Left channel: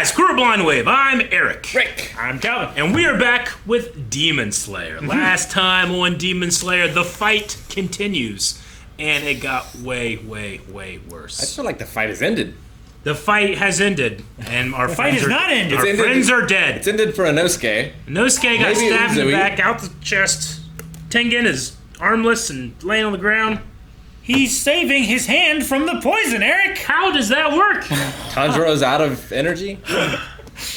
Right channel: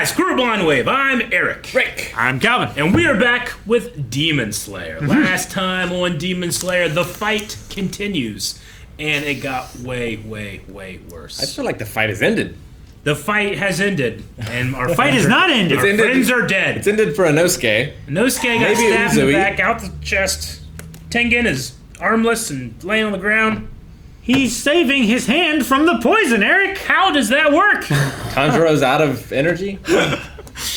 guys, Crew Blind Wave. I'm Eric. Rick. I'm Calvin. And we are back with Demon Slayer. Last time on Demon Slayer, the fight continues. And it got way, way, way worse. I feel like the fight has ended. The fight has ended. And our Fight is not ended. Our friends are dead. It's ended for Inosuke. Inosuke got Maybe stabbed in the Uzui. back, out the chest. Tengen is armless and laying on the ground. He's saving his hand from the poison, Eric. How does that work? Tanjiro's out of energy.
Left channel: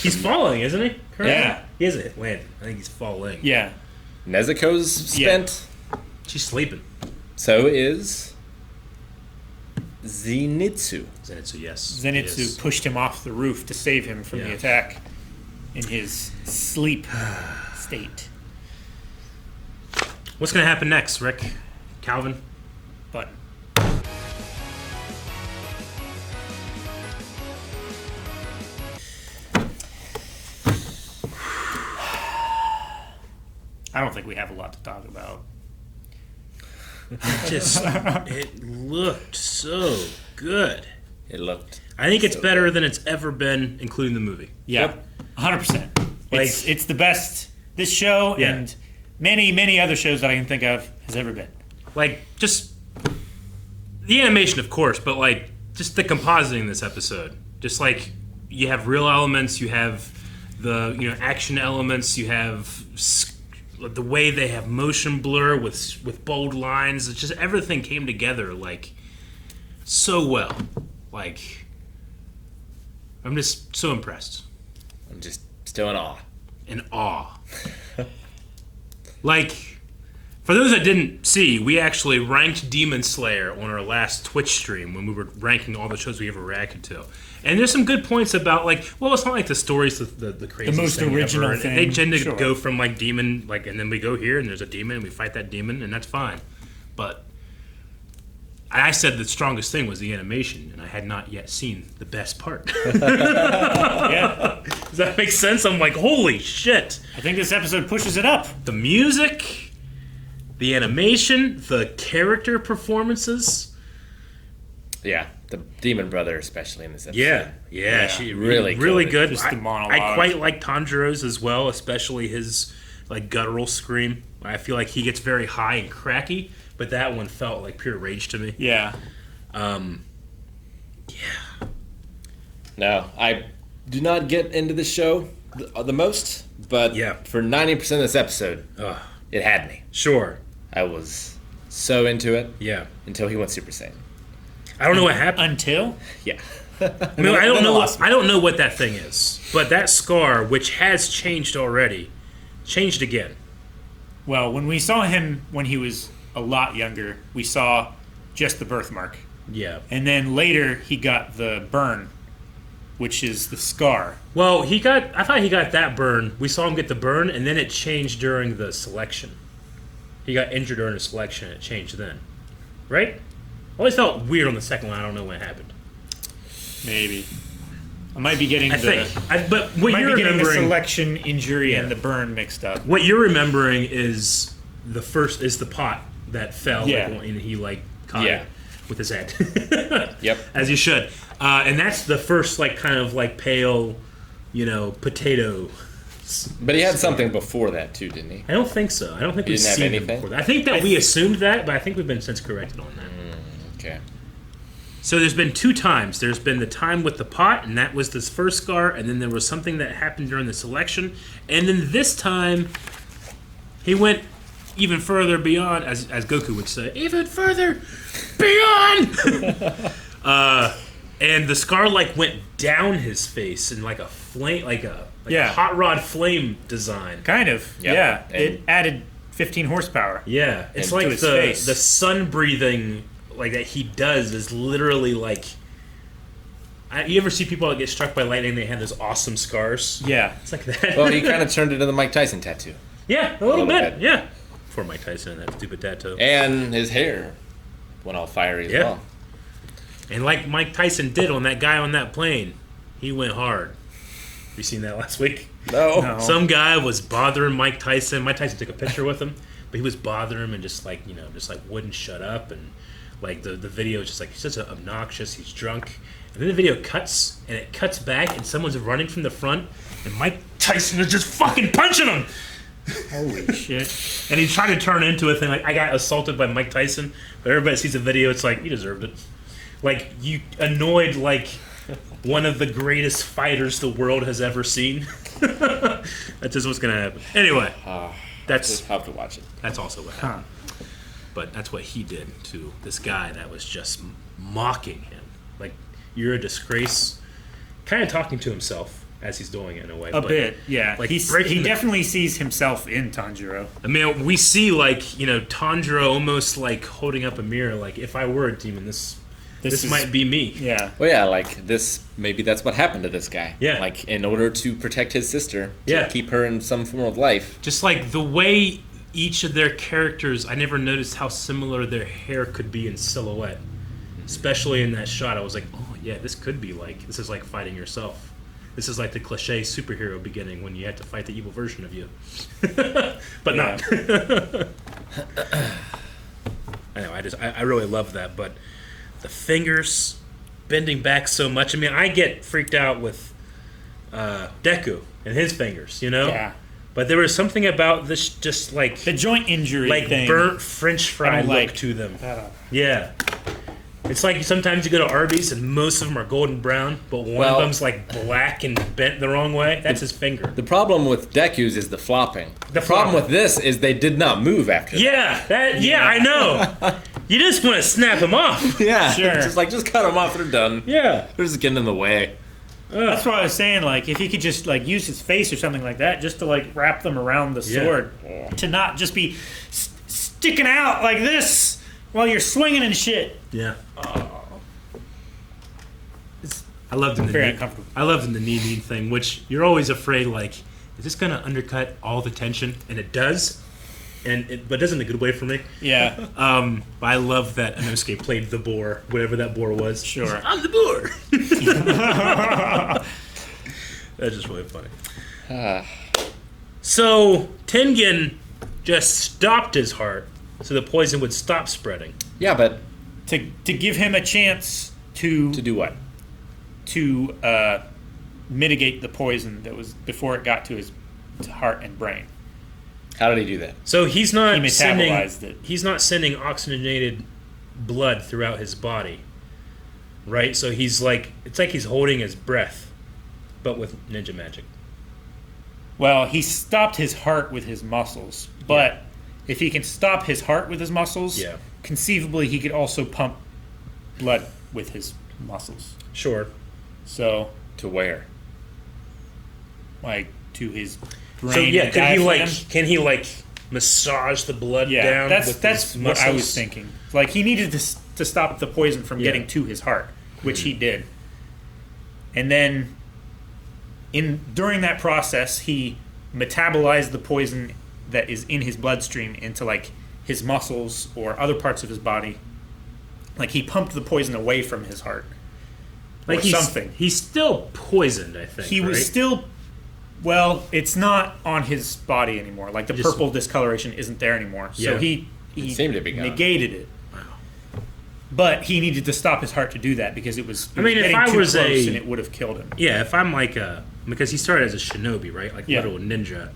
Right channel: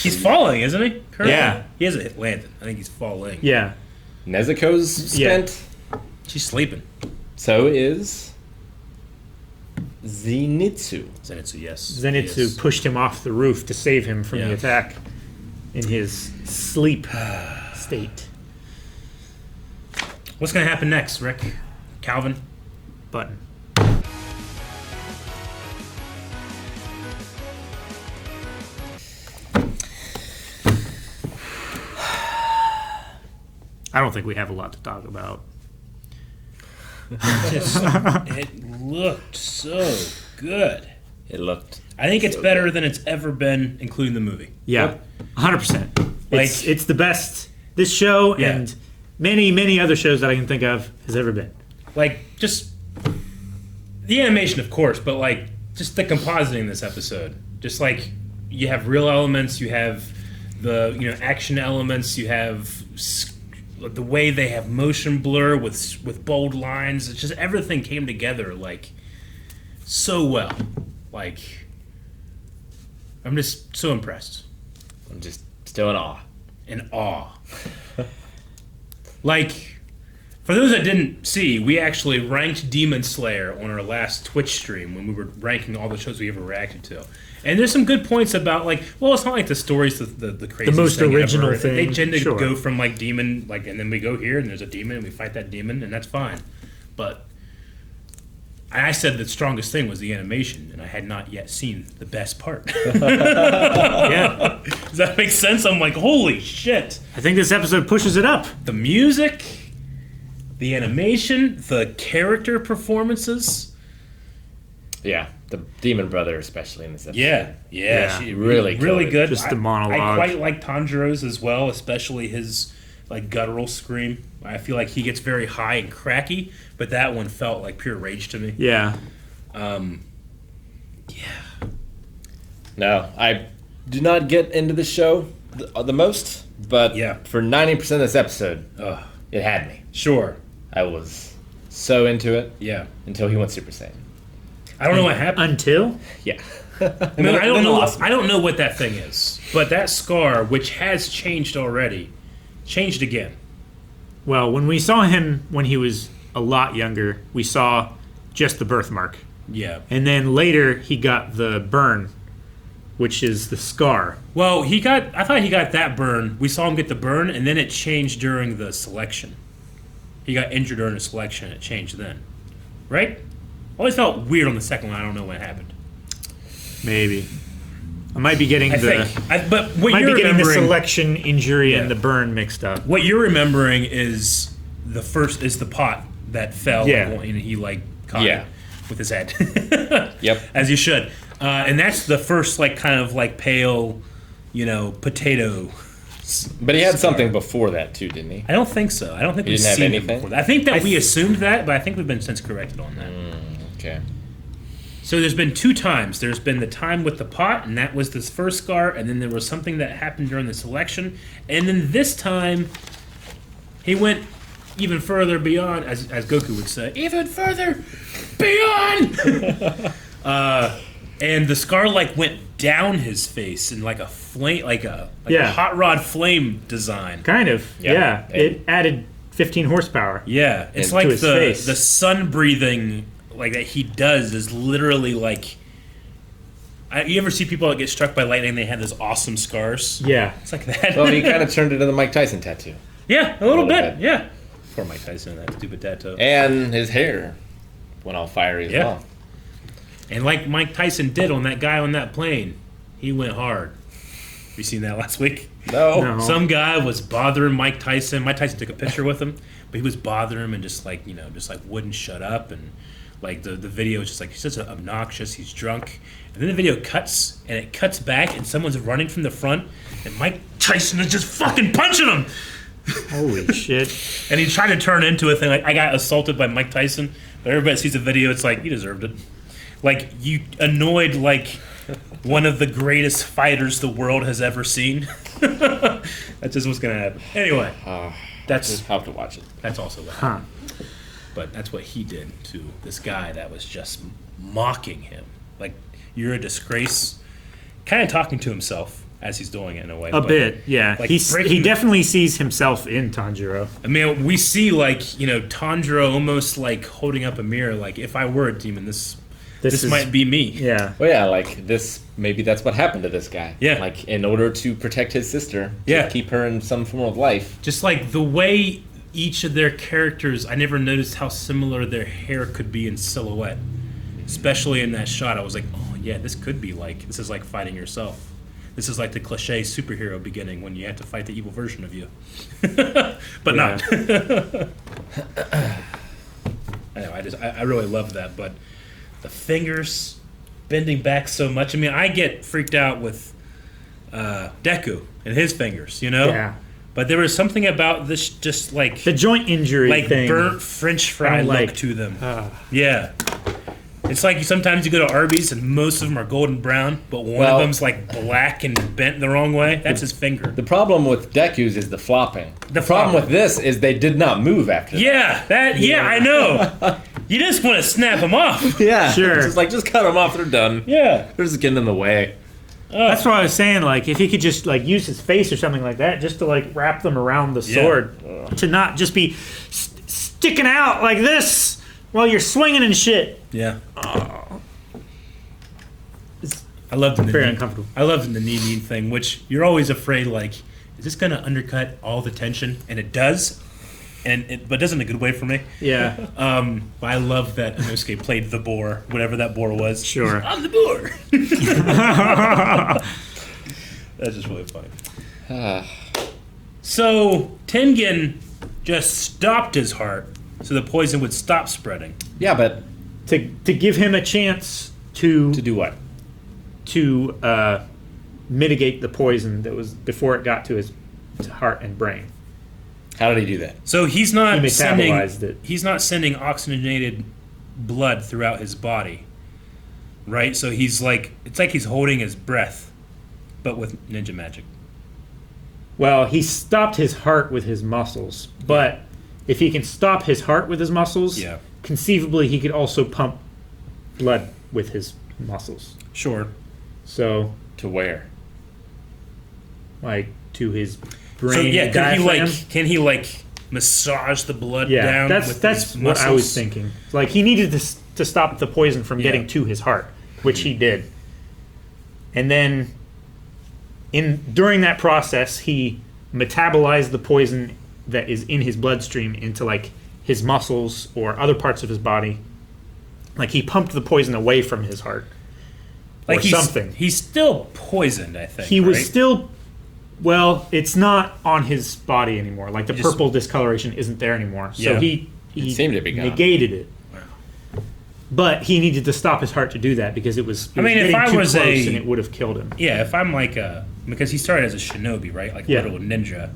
He's falling, isn't he? Currently? Yeah. He hasn't landed. I think he's falling. Yeah. Nezuko's spent. She's sleeping. So is Zenitsu. Zenitsu, yes. Zenitsu pushed him off the roof to save him from the attack in his sleep state. What's going to happen next, Rick? Calvin? Button. I don't think we have a lot to talk about. It looked so good. It looked. I think it's so better good. than it's ever been, including the movie. Yeah, 100%. Like- It's the best this show Yeah. and many, many other shows that I can think of has ever been. Like, just the animation, of course, but like just the compositing in this episode. Just like you have real elements, you have the action elements, you have the way they have motion blur with bold lines. It's just everything came together like so well. Like I'm just so impressed. I'm just still in awe. In awe. Like, for those that didn't see, we actually ranked Demon Slayer on our last Twitch stream when we were ranking all the shows we ever reacted to. And there's some good points about, like, well, it's not like the story's the craziest most thing original ever. thing, They tend to sure. go from, like, demon, like, and then we go here, and there's a demon, and we fight that demon, and that's fine. But I said the strongest thing was the animation, and I had not yet seen the best part. Yeah. Does that make sense? I'm like, holy shit. I think this episode pushes it up. The music, the animation, the character performances. Yeah, the Demon Brother, especially in this episode. Yeah, she Really really killed it. good. Just the monologue. I quite like Tanjiro's as well, especially his like guttural scream. I feel like he gets very high and cracky, but that one felt like pure rage to me. Yeah. No, I do not get into the show the most, but Yeah. for 90% of this episode, Ugh. it had me. Sure. I was so into it Yeah. until he went Super Saiyan. I don't know what happened. Until? Yeah. I don't know what that thing is, but that scar, which has changed already, changed again. Well, when we saw him when he was a lot younger, we saw just the birthmark. Yeah. And then later he got the burn, which is the scar. Well, I thought he got that burn. We saw him get the burn, and then it changed during the selection. He got injured during the selection. It changed then. Right? Always felt weird on the second one. I don't know what happened. Maybe. I might be getting But what might you're be getting the remembering, selection injury Yeah. and the burn mixed up. what you're remembering is the pot that fell. Yeah. And he like caught Yeah. it with his head. Yep. As you should. And that's the first like kind of like pale, potato. But he had something before that too, didn't he? I don't think so. I don't think He we've didn't have seen it anything? before. I think that we assumed that, but I think we've been since corrected on that. Okay. So there's been two times. There's been the time with the pot, and that was this first scar, and then there was something that happened during the selection, and then this time he went even further beyond, as Goku would say, even further beyond. And the scar like went down his face in like a flame, like a hot rod flame design. Kind of. Yeah. Yeah. It added 15 horsepower. Yeah, it's And like to his face. the sun breathing like that he does is literally like. You ever see people that get struck by lightning? And they have those awesome scars. Yeah. It's like that. Well, he kind of turned into the Mike Tyson tattoo. Yeah, a little bit. bit. Yeah. For Mike Tyson, that stupid tattoo. And his hair went all fiery as Yeah. well. And like Mike Tyson did on that guy on that plane, he went hard. You seen that last week? No. Some guy was bothering Mike Tyson. Mike Tyson took a picture with him, but he was bothering him and just wouldn't shut up. And like the video is just like, he's such obnoxious. He's drunk. And then the video cuts, and it cuts back, and someone's running from the front, and Mike Tyson is just fucking punching him. Holy shit. And he tried to turn into a thing like, I got assaulted by Mike Tyson. But everybody sees the video, it's like, you deserved it. Like, you annoyed, like, one of the greatest fighters the world has ever seen. That's just what's going to happen. Anyway, that's... I'll have to watch it. That's also what happened. But that's what he did to this guy that was just mocking him. Like, you're a disgrace. Kind of talking to himself as he's doing it in a way. A bit, yeah. Like He definitely sees himself in Tanjiro. I mean, we see, like, you know, Tanjiro almost, like, holding up a mirror. Like, if I were a demon, this might be me. Yeah. Well, yeah, like this. Maybe that's what happened to this guy. Yeah. Like in order to protect his sister, to Yeah. keep her in some form of life. Just, like, the way each of their characters, I never noticed how similar their hair could be in silhouette. Especially in that shot, I was like, oh, yeah, this is like fighting yourself. This is like the cliche superhero beginning when you had to fight the evil version of you. But not. Anyway, I really love that. But the fingers bending back so much. I mean, I get freaked out with Deku and his fingers, you know? Yeah. But there was something about this just like... The joint injury like thing. burnt French fry I'm look like, to them. Yeah. It's like sometimes you go to Arby's and most of them are golden brown, but one of them's like black and bent the wrong way. That's his finger. The problem with Deku's is the flopping. The problem with this is they did not move after that. Yeah, I know. You just want to snap them off. Yeah, Sure. It's just like, just cut them off, they're done. Yeah. They're just getting in the way. That's what I was saying. Like, if he could just like use his face or something like that, just to like wrap them around the sword, to not just be sticking out like this while you're swinging and shit. Yeah. It's I loved the very knee. uncomfortable. I loved the knee thing, which you're always afraid, like, is this going to undercut all the tension? And it does. But it does in a good way for me. Yeah. But I love that Inosuke played the boar, whatever that boar was. Sure. I'm the boar. That's just really funny. So Tengen just stopped his heart so the poison would stop spreading. Yeah, but to give him a chance to do what? To mitigate the poison that was before it got to his heart and brain. How did he do that? So he's not He metabolized it. He's not sending oxygenated blood throughout his body, right? So he's like, it's like he's holding his breath, but with ninja magic. Well, he stopped his heart with his muscles, but if he can stop his heart with his muscles, conceivably he could also pump blood with his muscles. Sure. So to where? Like to his brain. So yeah, diaphragm. can he massage the blood down? That's with that's his what I muscles? was thinking. Like he needed to stop the poison from getting to his heart, which he did. And then during that process, he metabolized the poison that is in his bloodstream into like his muscles or other parts of his body. Like he pumped the poison away from his heart. Or something. He's still poisoned, I think. He was still. Well, it's not on his body anymore. Like the purple discoloration isn't there anymore. So he seemed to be gone. negated it. But he needed to stop his heart to do that because it was. I mean, getting if I too was close and it would have killed him. Yeah, if I'm like because he started as a shinobi, right? Like little ninja.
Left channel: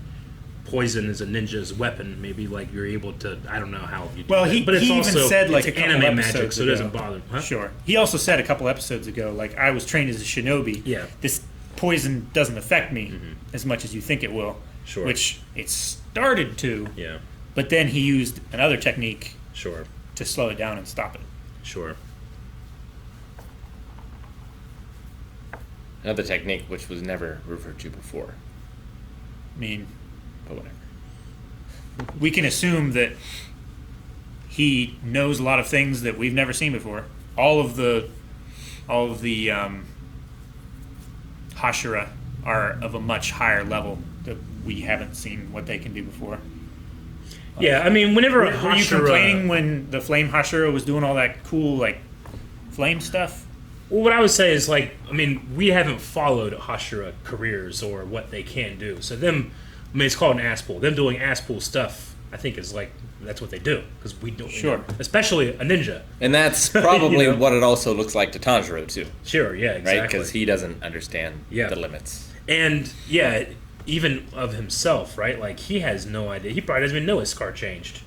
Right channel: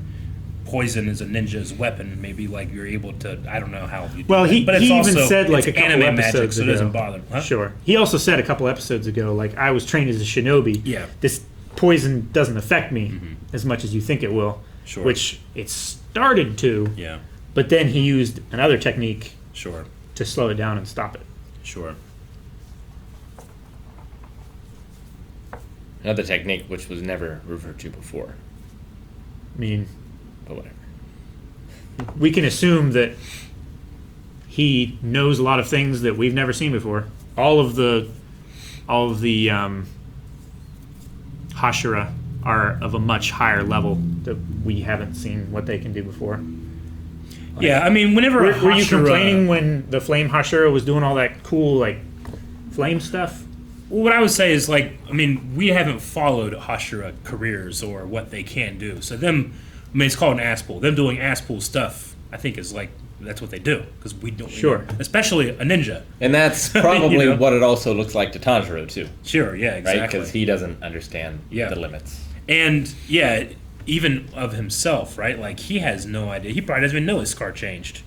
Poison is a ninja's weapon. Maybe like you're able to. I don't know how you. Do Well, that. he But it's even also, said like a it's couple anime episodes magic, so it ago. doesn't bother. Huh? Sure. He also said a couple episodes ago, like I was trained as a shinobi. Yeah. This poison doesn't affect me as much as you think it will. Sure. Which it started to. Yeah. But then he used another technique. Sure. To slow it down and stop it. Sure. Another technique which was never referred to before. I mean, but whatever. We can assume that he knows a lot of things that we've never seen before. All of the Hashira are of a much higher level that we haven't seen what they can do before. Yeah, I mean, whenever Were you complaining when the Flame Hashira was doing all that cool like flame stuff? Well, what I would say is like, I mean, we haven't followed Hashira careers or what they can do. So them, I mean, it's called an ass pull. Them doing ass pull stuff, I think, is like that's what they do because we don't. Sure. Especially a ninja. And that's probably what it also looks like to Tanjiro too. Sure. Yeah. Exactly. Right, because he doesn't understand the limits. And even of himself, right? Like he has no idea. He probably doesn't even know his scar changed.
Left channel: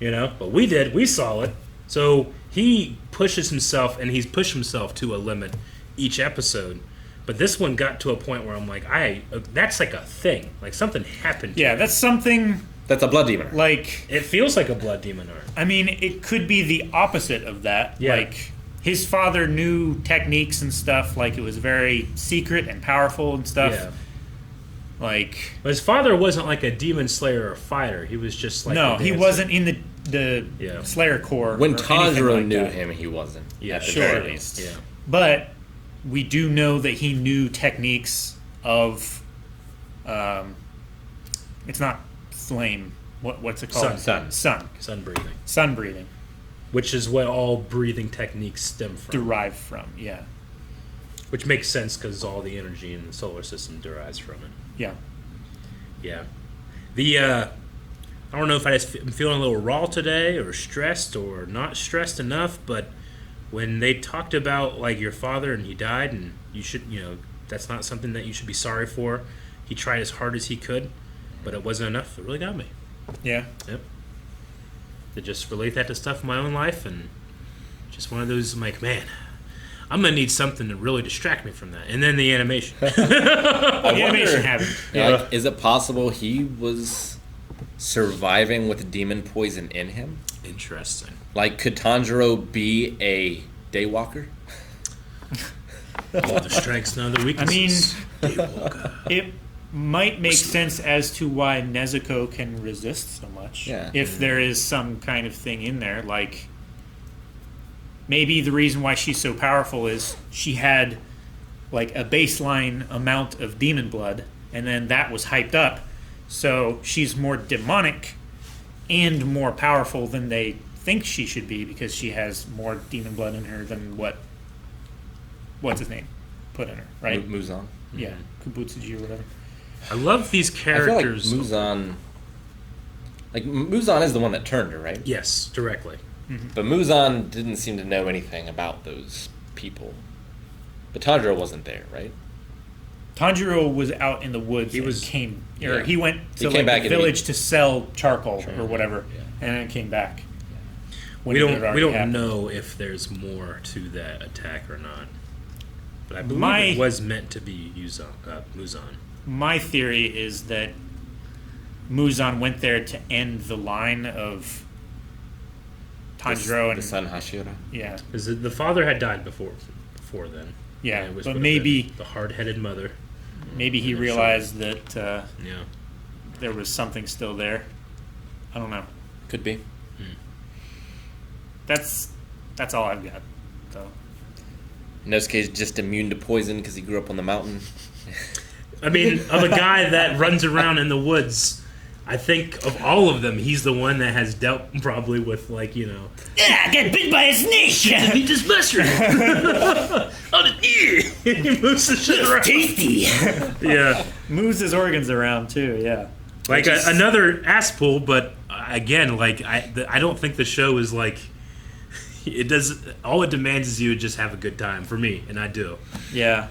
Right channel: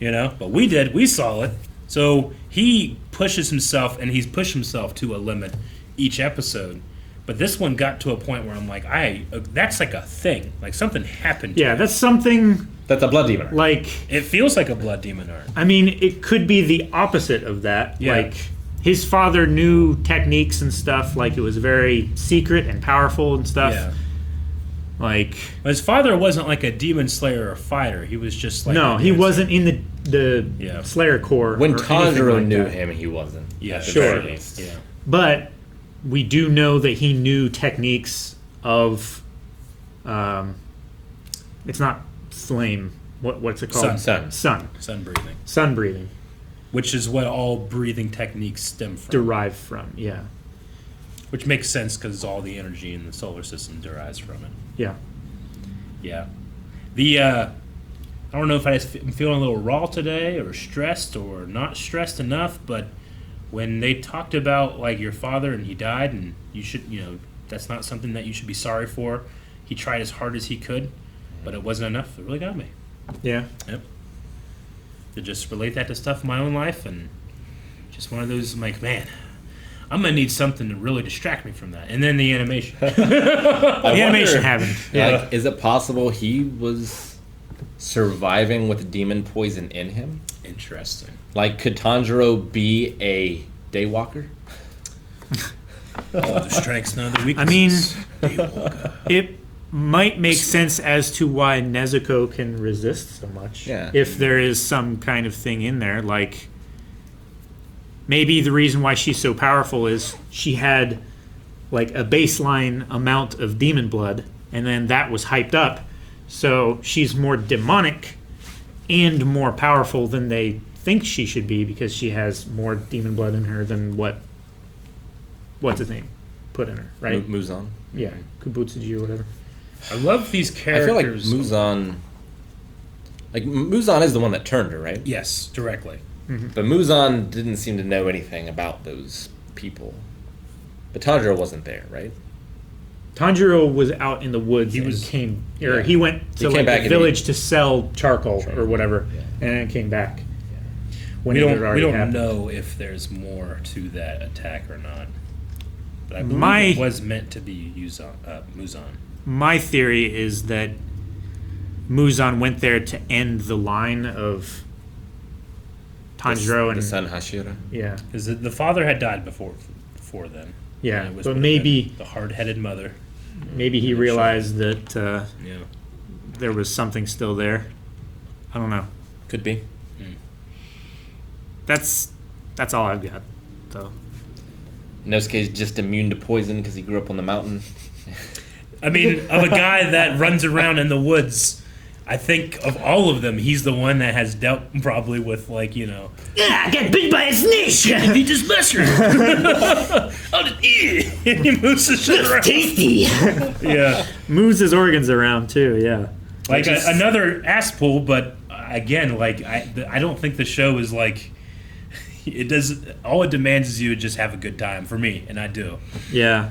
But we did. We saw it. So he pushes himself, and he's pushed himself to a limit each episode. But this one got to a point where I'm like, that's like a thing. Like something happened to him. that's something... That's a blood demon. Like it feels like a blood demon art. I mean, it could be the opposite of that. Yeah. Like his father knew techniques and stuff. Like it was very secret and powerful and stuff. Yeah. Like but his father wasn't like a demon slayer or a fighter. He was just like he wasn't in the Slayer Corps. When or Tanjiro like knew that. him, he wasn't. Yeah, at the sure. very least. Yeah. But we do know that he knew techniques of. It's not flame. What's it called? Sun. Sun breathing. Sun breathing. Which is what all breathing techniques stem from. Derive from, yeah. Which makes sense because all the energy in the solar system derives from it. Yeah. Yeah. I don't know if I'm feeling a little raw today or stressed or not stressed enough, but when they talked about like your father and he died and you should, that's not something that you should be sorry for. He tried as hard as he could, but it wasn't enough. It really got me. Yeah. Yep. To just relate that to stuff in my own life and just one of those, I'm like, man, I'm going to need something to really distract me from that. And then the animation. Animation happened. Yeah. Is it possible he was surviving with demon poison in him? Interesting. Like, could Tanjiro be a daywalker? Other strengths, none of the I weaknesses. mean, it might make sense as to why Nezuko can resist so much. Yeah. If there is some kind of thing in there, like maybe the reason why she's so powerful is she had like a baseline amount of demon blood, and then that was hyped up, so she's more demonic and more powerful than they think she should be because she has more demon blood in her than what's his name put in her, right? Muzan. Yeah, Kubutsuji or whatever. I love these I feel like characters. Muzan is the one that turned her, right? Yes, directly. But Muzan didn't seem to know anything about those people. But Tanjiro wasn't there, right? Tanjiro was out in the woods He and was- came, yeah. or he went to He came back the and village to sell charcoal or whatever, yeah. and then came back. When We it had don't already happened. know if there's more to that attack or not. But I believe My- it was meant to be Muzan. My theory is that Muzan went there to end the line of Tanjiro The and son Hashira. yeah, Because the father had died before then. yeah. And it was But would have maybe been the hard-headed mother. he realized that Yeah. there was something still there. I don't know. Could be. That's all I've got. So Inosuke's just immune to poison because he grew up on the mountain. I mean, of a guy that runs around in the woods, I think of all of them, he's the one that has dealt probably with, like, yeah, I got bit by a snake. he just mushroom. He moves the shit around. Tasty. Yeah. Moves his organs around too. Yeah. Like another ass pull, but again, like I don't think the show is like it does. All it demands is you to just have a good time for me, and I do. Yeah.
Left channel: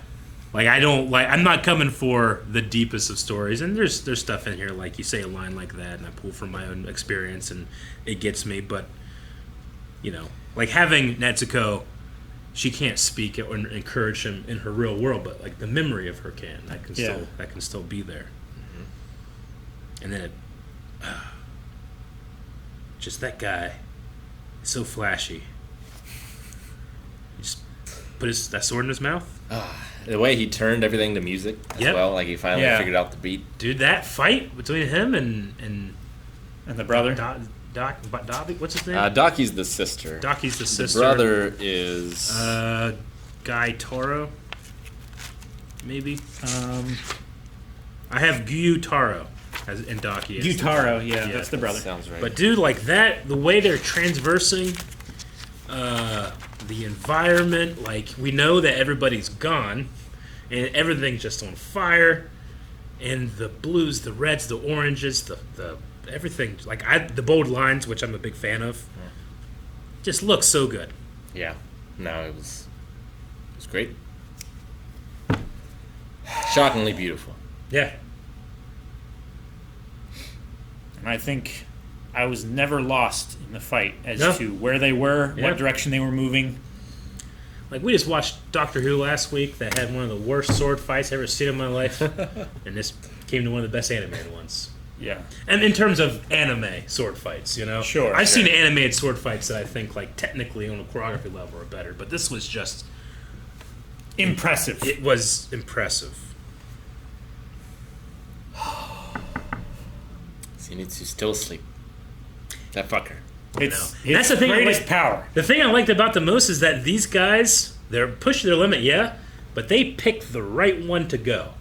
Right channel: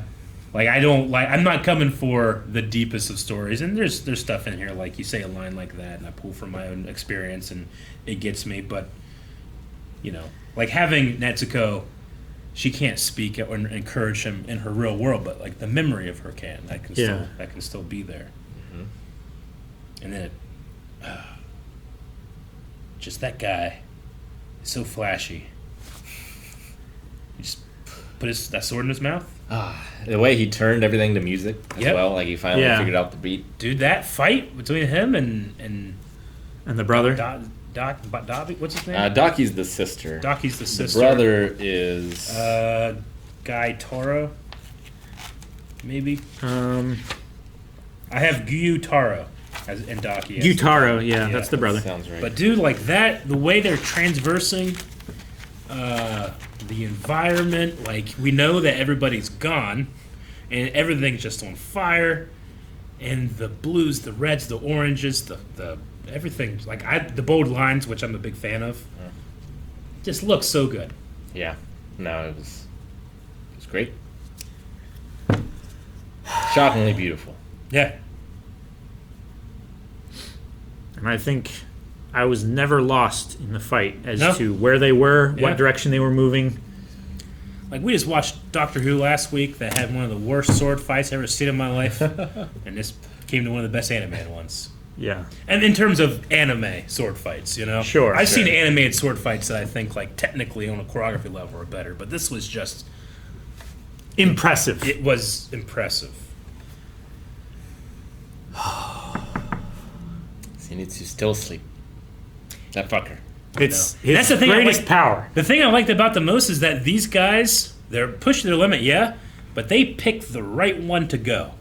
Like I'm not coming for the deepest of stories, and there's stuff in here like you say a line like that, and I pull from my own experience, and it gets me. But like having Netsuko, she can't speak or encourage him in her real world, but like the memory of her that can still be there. And then just that guy, so flashy. He just put that sword in his mouth. The way he turned everything to music as Yep. well, like he finally Yeah. figured out the beat. Dude, that fight between him and And the brother. Dobby, what's his name? Daki's the sister. Daki's the The sister. brother is Guy Toro, maybe. I have Gyutaro and Daki. as the- Gyutaro, yeah, Yeah. that's the brother. sounds right. But dude, like that, the way they're transversing the environment, like we know that everybody's gone, and everything's just on fire, and the blues, the reds, the oranges, the everything. Like the bold lines, which I'm a big fan of, just looks so good. Yeah. No, it was great. Shockingly beautiful. Yeah. And I think I was never lost in the fight as No. to where they were, Yeah. what direction they were moving. Like, we just watched Doctor Who last week that had one of the worst sword fights I've ever seen in my life. And this came to one of the best animated ones. Yeah. And in terms of anime sword fights, you know? Sure, I've sure. seen animated sword fights that I think, like, technically on a choreography level are better. But this was just... Impressive. It was impressive. So he needs to still sleep. That fucker. It's No. his That's the thing I greatest like- power. The thing I liked about the most is that these guys, they're pushing their limit, yeah, but they picked the right one to go.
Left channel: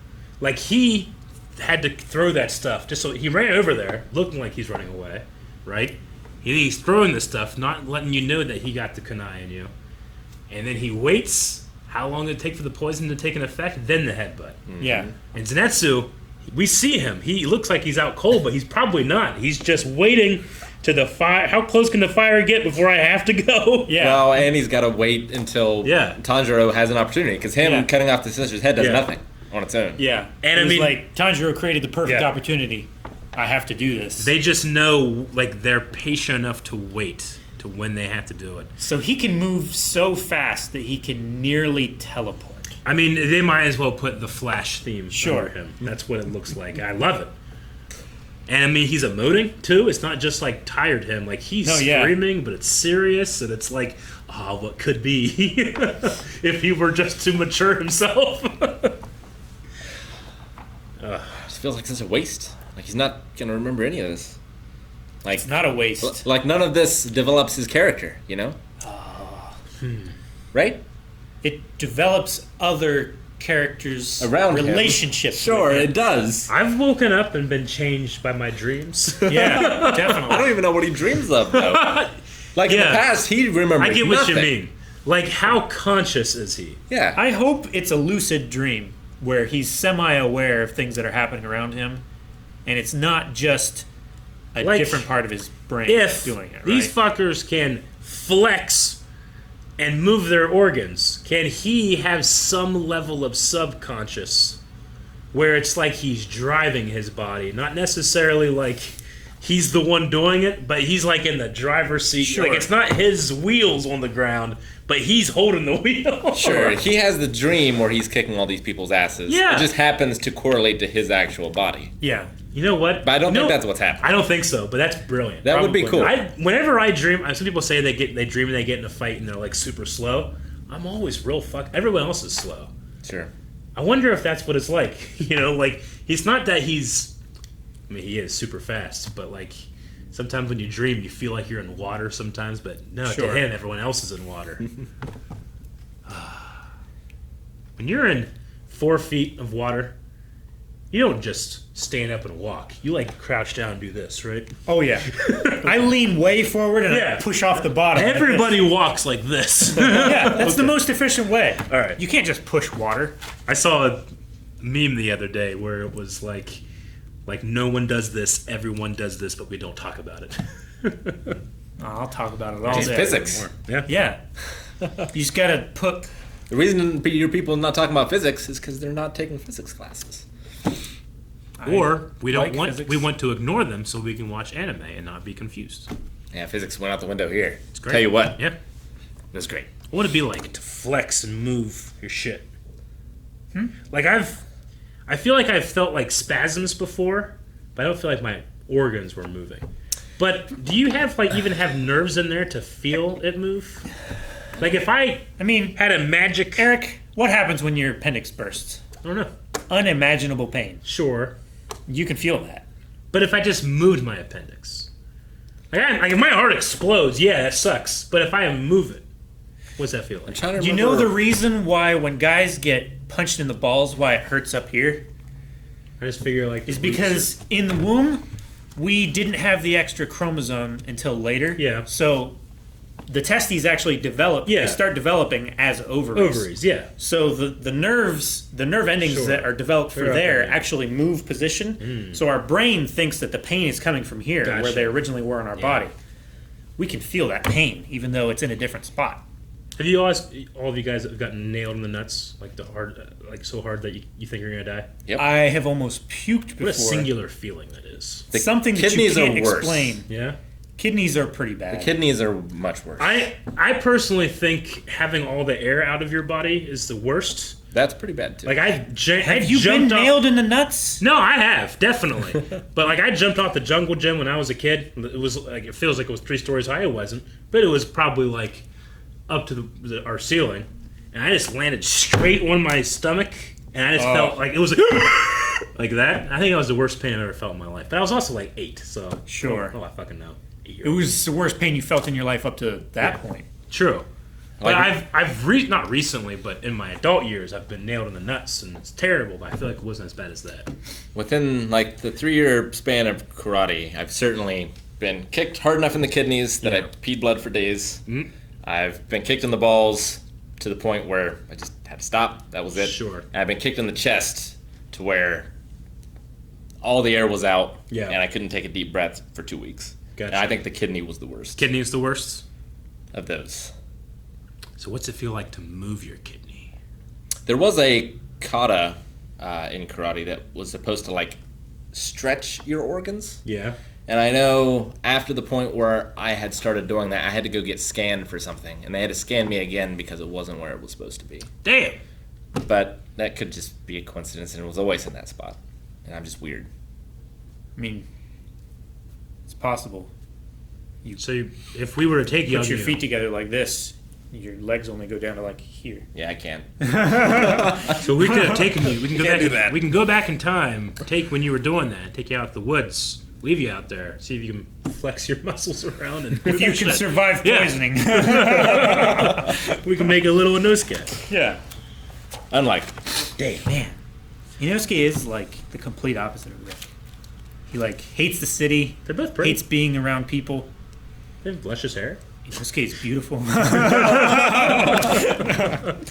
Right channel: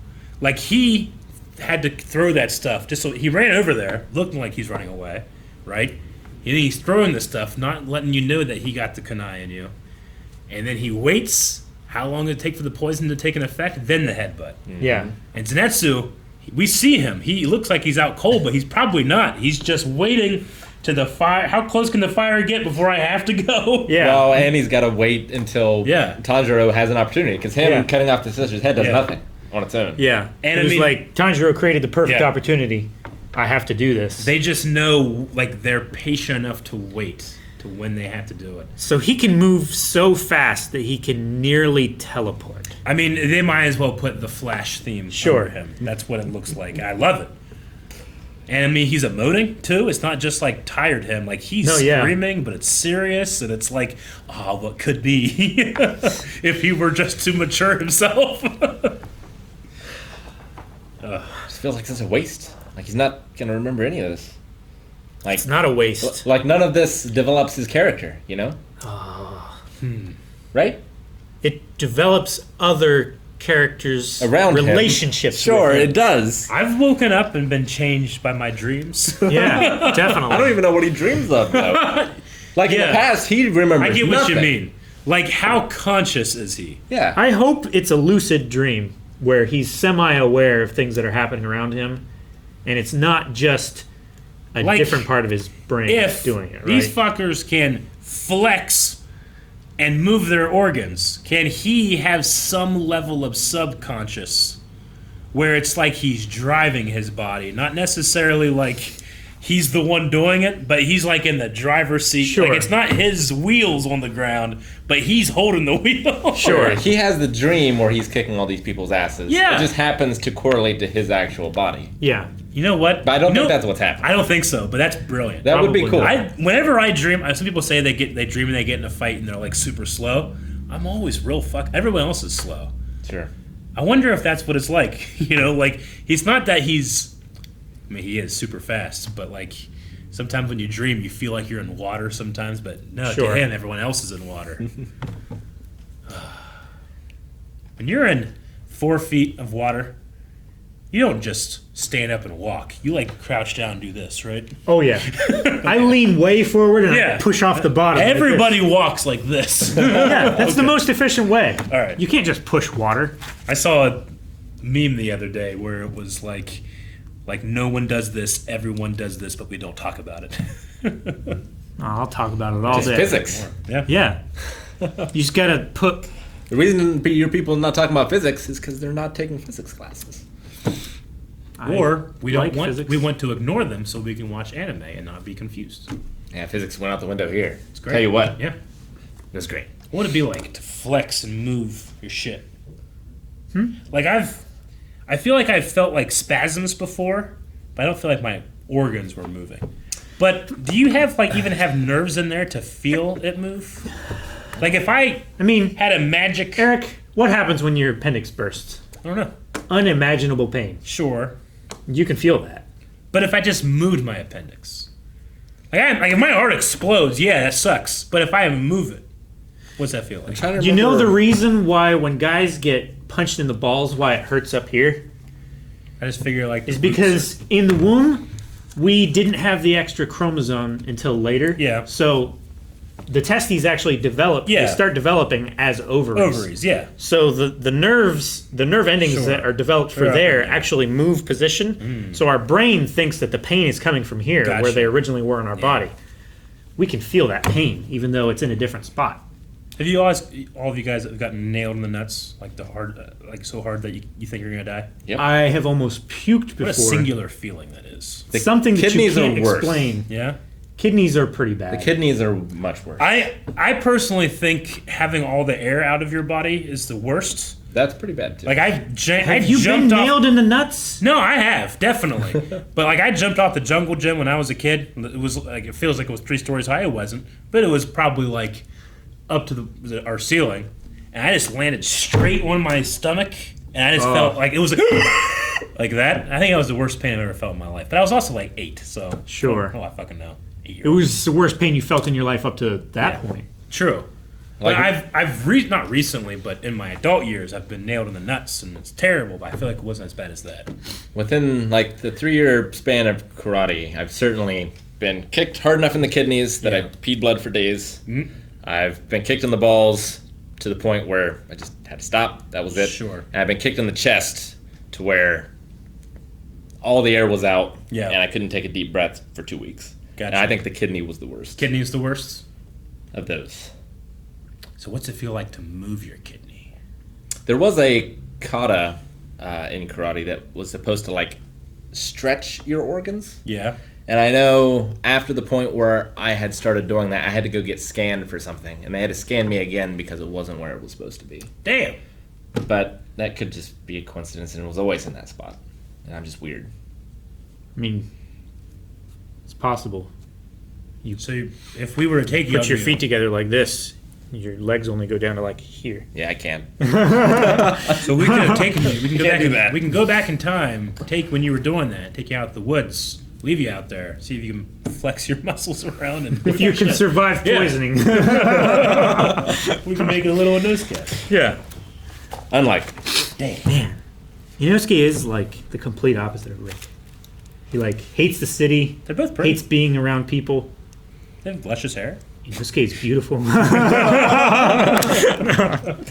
Like, he had to throw that stuff just so he ran over there, looking like he's running away, right? He's throwing the stuff, not letting you know that he got the kunai in you. And then he waits how long did it take for the poison to take an effect, then the headbutt. Yeah. And Zenitsu, we see him. He looks like he's out cold, but he's probably not. He's just waiting to the fire. How close can the fire get before I have to go? Yeah. Well, and he's got to wait until Yeah. Tanjiro has an opportunity, because him Yeah. cutting off the sister's head does Yeah. nothing on its own. Yeah. And it I was mean- like Tanjiro created the perfect Yeah. opportunity. I have to do this. They just know, like, they're patient enough to wait to when they have to do it. So he can move so fast that he can nearly teleport. I mean, they might as well put the Flash theme Sure. under him. That's what it looks like. I love it. And I mean, he's emoting too. It's not just like tired him. Like, he's No, yeah. screaming, but it's serious, and it's like, oh, what could be if he were just too mature himself. Just feels like it's a waste. Like he's not gonna remember any of this. Like, It's not a waste. like none of this develops his character, you know? Right? It develops other characters' Around him. relationships. Sure, with him. it does. I've woken up and been changed by my dreams. Yeah, I don't definitely. even know what he dreams of, though. Like in the Yeah. past, he remembers I get what nothing. you mean. Like, how conscious is he? Yeah. I hope it's a lucid dream where he's semi-aware of things that are happening around him, and it's not just a Like, different part of his brain If doing it. Right? these fuckers can flex and move their organs, can he have some level of subconscious where it's like he's driving his body, not necessarily like he's the one doing it, but he's like in the driver's seat. Sure. Like, it's not his wheels on the ground, but he's holding the wheel. Sure, he has the dream where he's kicking all these people's asses. Yeah. It just happens to correlate to his actual body. Yeah. You know what? But I don't You think know- that's what's happening. I don't think so, but that's brilliant. That would be Probably cool. not. Whenever I dream, some people say they dream and they get in a fight and they're like super slow. I'm always real everyone else is slow. Sure. I wonder if that's what it's like. You know, like, he's not that he's. I mean, he is super fast, but like, sometimes when you dream, you feel like you're in water. Sometimes, but no, Sure. to him, everyone else is in water. When you're in 4 feet of water, you don't just stand up and walk. You like crouch down and do this, right? Oh yeah. I lean way forward and Yeah. I push off the bottom. like this. Everybody walks like this. Yeah, that's the most efficient way. All right. You can't just push water. I saw a meme the other day where it was like no one does this, everyone does this, but we don't talk about it. I'll talk about it all It's day. physics. Yeah. Yeah. You just gotta put. The reason your people are not talking about physics is because they're not taking physics classes. Or we don't like want physics. we want to ignore them so we can watch anime and not be confused. Yeah, physics went out the window here. It's great. Tell you what, Yeah. it was great. What would it be like to flex and move your shit? Like, I feel like I've felt like spasms before, but I don't feel like my organs were moving. But do you have even have nerves in there to feel it move? Like, if I mean, had a magic Eric, what happens when your appendix bursts? I don't know. Unimaginable pain. Sure. You can feel that. But if I just moved my appendix, like if my heart explodes, yeah, that sucks. But if I move it, what's that feel like? Trying to You know remember- the reason why when guys get punched in the balls, why it hurts up here, I just figure is because in the womb we didn't have the extra chromosome until later. Yeah. So the testes actually develop. Yeah. They start developing as ovaries. Ovaries, yeah. So the nerve endings Sure. that are developed for They're up there there. actually move position. So our brain thinks that the pain is coming from here, Gotcha. where they originally were in our body. We can feel that pain, even though it's in a different spot. Have you all of you guys have gotten nailed in the nuts, like the hard, like so hard that you think you're gonna die? Yep. I have almost puked before. What a singular feeling that is. The Something that you kidneys can't are worse. explain. Yeah. Kidneys are pretty bad. The kidneys are much worse. I personally think having all the air out of your body is the worst. That's pretty bad too. Like I have you been jumped off. nailed in the nuts? No, I have definitely. But like I jumped off the jungle gym when I was a kid. It was like it feels like it was 3 stories high. It wasn't, but it was probably like up to our ceiling, and I just landed straight on my stomach, and I just felt like it was like that. I think that was the worst pain I've ever felt in my life. But I was also like 8, so Sure. Oh, I fucking know. 8 It was the worst pain you felt in your life up to that point. True. Like- But I've not recently, but in my adult years, I've been nailed in the nuts, and it's terrible. But I feel like it wasn't as bad as that. Within like the 3-year span of karate, I've certainly been kicked hard enough in the kidneys that I peed blood for days. I've been kicked in the balls to the point where I just had to stop. That was it. Sure. And I've been kicked in the chest to where all the air was out, Yeah. and I couldn't take a deep breath for 2 weeks. Gotcha. And I think the kidney was the worst Kidney is the worst. of those. So what's it feel like to move your kidney? There was a kata in karate that was supposed to like stretch your organs. Yeah. And I know after the point where I had started doing that, I had to go get scanned for something. And they had to scan me again because it wasn't where it was supposed to be. Damn. But that could just be a coincidence, and it was always in that spot. And I'm just weird. I mean, it's possible. So if we were to take you, Put your feet together like this. Your legs only go down to like here. Yeah, I can. So we could have taken you. We can go Can't back. do that. We can go back in time. Take when you were doing that. Take you out to the woods. Leave you out there. See if you can flex your muscles around. And If you can survive Yeah. poisoning. we can make a little Inosuke. Yeah. Unlike. Damn, man. Inosuke is like the complete opposite of Rick. He like hates the city, They're both pretty. hates being around people. They have luscious hair. Inosuke is beautiful.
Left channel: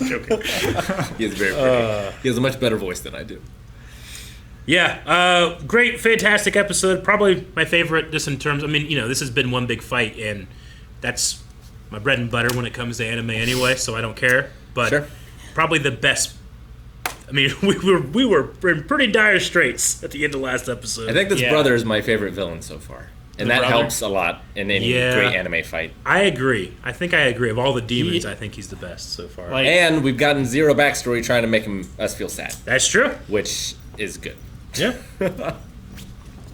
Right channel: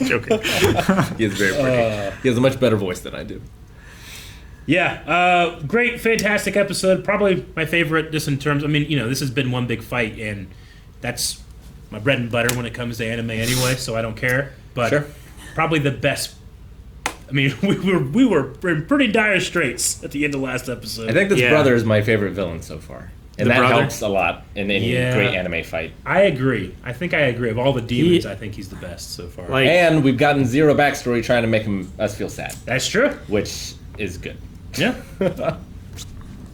Joking. He is very pretty. He has a much better voice than I do. Yeah, great, fantastic episode. Probably my favorite. Just in terms, I mean, this has been one big fight, and that's my bread and butter when it comes to anime anyway. So I don't care. But Sure. probably the best. I mean, we were in pretty dire straits at the end of last episode. I think this Yeah. brother is my favorite villain so far. And The that brother? helps a lot in any Yeah. great anime fight. I agree. I think I agree. Of all the demons, He- I think he's the best so far. Like, And we've gotten zero backstory trying to make us feel sad, That's true. which is good. Yeah. I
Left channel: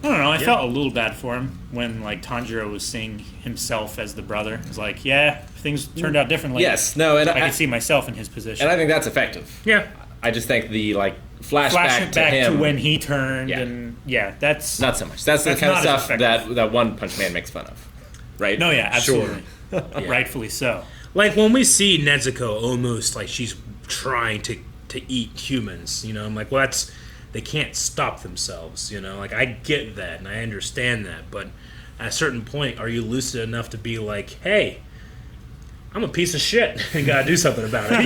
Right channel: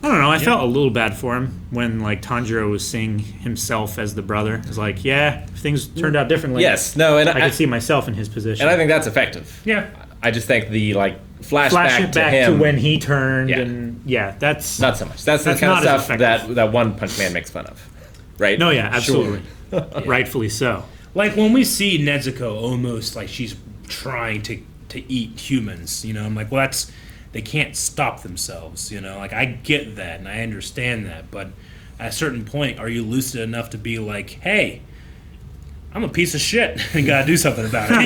don't know. I felt a little bad for him when like Tanjiro was seeing himself as the brother. It was like, yeah, if things turned out differently. Yes, no, and I could see myself in his position. and I think that's effective. Yeah. I just think the Flash flashback it to back him to when he turned, Yeah. and yeah, that's not so much. That's the That's kind of not as stuff effective. that One Punch Man makes fun of, right? no, yeah, absolutely, Yeah. rightfully so. Like when we see Nezuko almost like she's trying to eat humans, I'm like, well, they can't stop themselves, Like I get that and I understand that, but at a certain point, are you lucid enough to be like, hey, I'm a piece of shit. We gotta do something about it.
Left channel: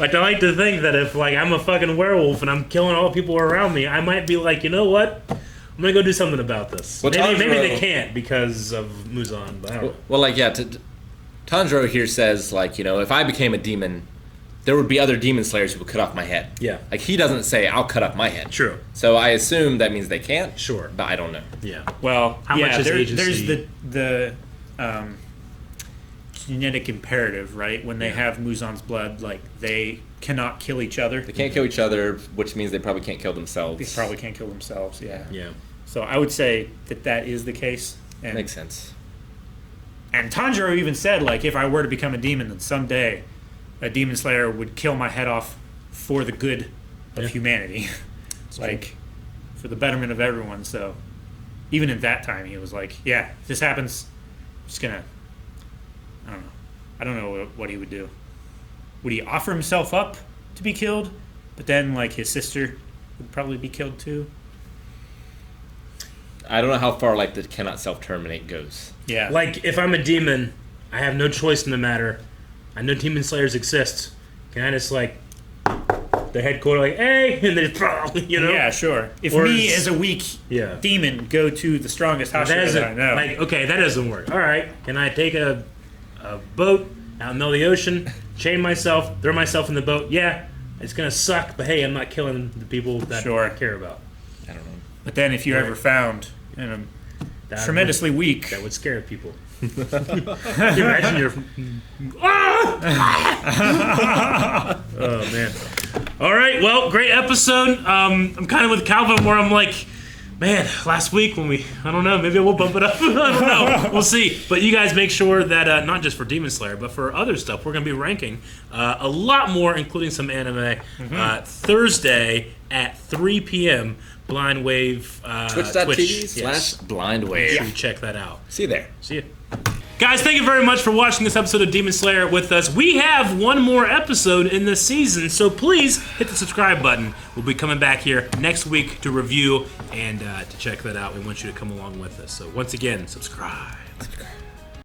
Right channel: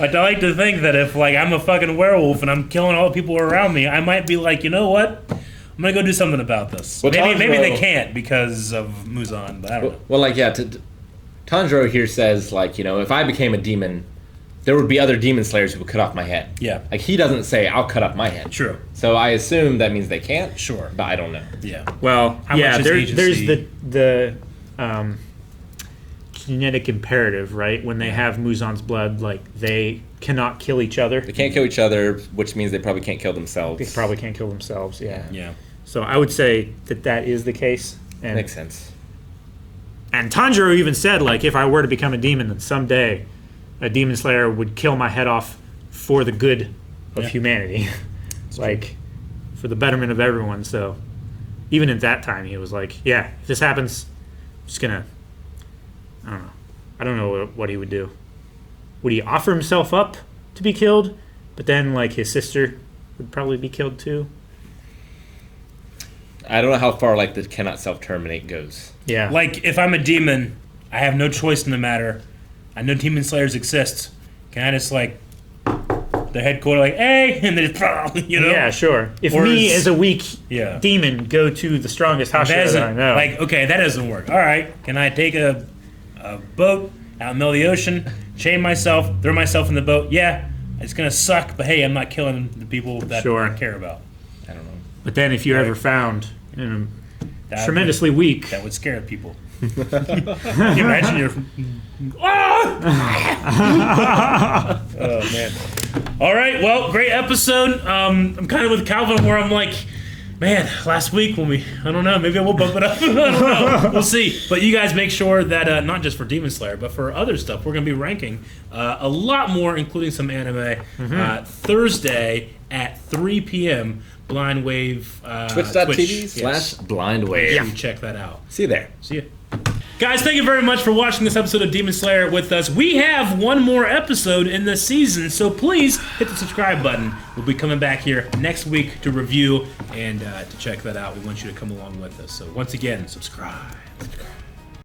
Like I like to think that if like I'm a fucking werewolf and I'm killing all the people around me, I might be like, you know what? I'm gonna go do something about this. Well, Maybe they Tanjiro- can't because of Muzan, but I don't know. Well, like, yeah, Tanjiro here says, like, if I became a demon, there would be other demon slayers who would cut off my head. Yeah. Like, he doesn't say, I'll cut off my head. True. So I assume that means they can't. Sure. But I don't know. Yeah. Well, How yeah, much is there's agency? the genetic imperative, right? When they have Muzan's blood, like they cannot kill each other. They can't kill each other, which means they probably can't kill themselves. They probably can't kill themselves. Yeah. Yeah. So I would say that is the case. And Makes sense. And Tanjiro even said, like, if I were to become a demon, then someday a demon slayer would kill my head off for the good of Yeah. humanity. like, for the betterment of everyone. So, even at that time, he was like, yeah, if this happens, I'm just gonna, I don't know. I don't know what he would do. Would he offer himself up to be killed? But then, like, his sister would probably be killed too? I don't know how far like the cannot self-terminate goes. Yeah. Like, if I'm a demon, I have no choice in the matter. I know demon slayers exist. Can I just, like, the headquarters, like, hey, and then just, you know? Yeah, sure. If Or me, is- as a weak Yeah. demon, go to the strongest That Hashira that I doesn't, know. like, okay, that doesn't work. All right, can I take a boat out in the middle of the ocean, chain myself, throw myself in the boat? Yeah, it's gonna suck, but hey, I'm not killing the people that Sure. I care about. I don't know. But then if you're ever found That tremendously weak, that would scare people. Can you imagine your... Oh, man. All right, well, great episode. I'm kind of with Calvin where I'm like, man, last week when I don't know, maybe I will bump it up. I don't know. We'll see. But you guys make sure that, not just for Demon Slayer, but for other stuff, we're going to be ranking a lot more, including some anime, Thursday at 3 p.m. Blind Wave Twitch.tv/blindwave. Yeah. Check that out. See you there. See you. Guys, thank you very much for watching this episode of Demon Slayer with us. We have one more episode in this season, so please hit the subscribe button. We'll be coming back here next week to review and to check that out. We want you to come along with us. So once again, subscribe.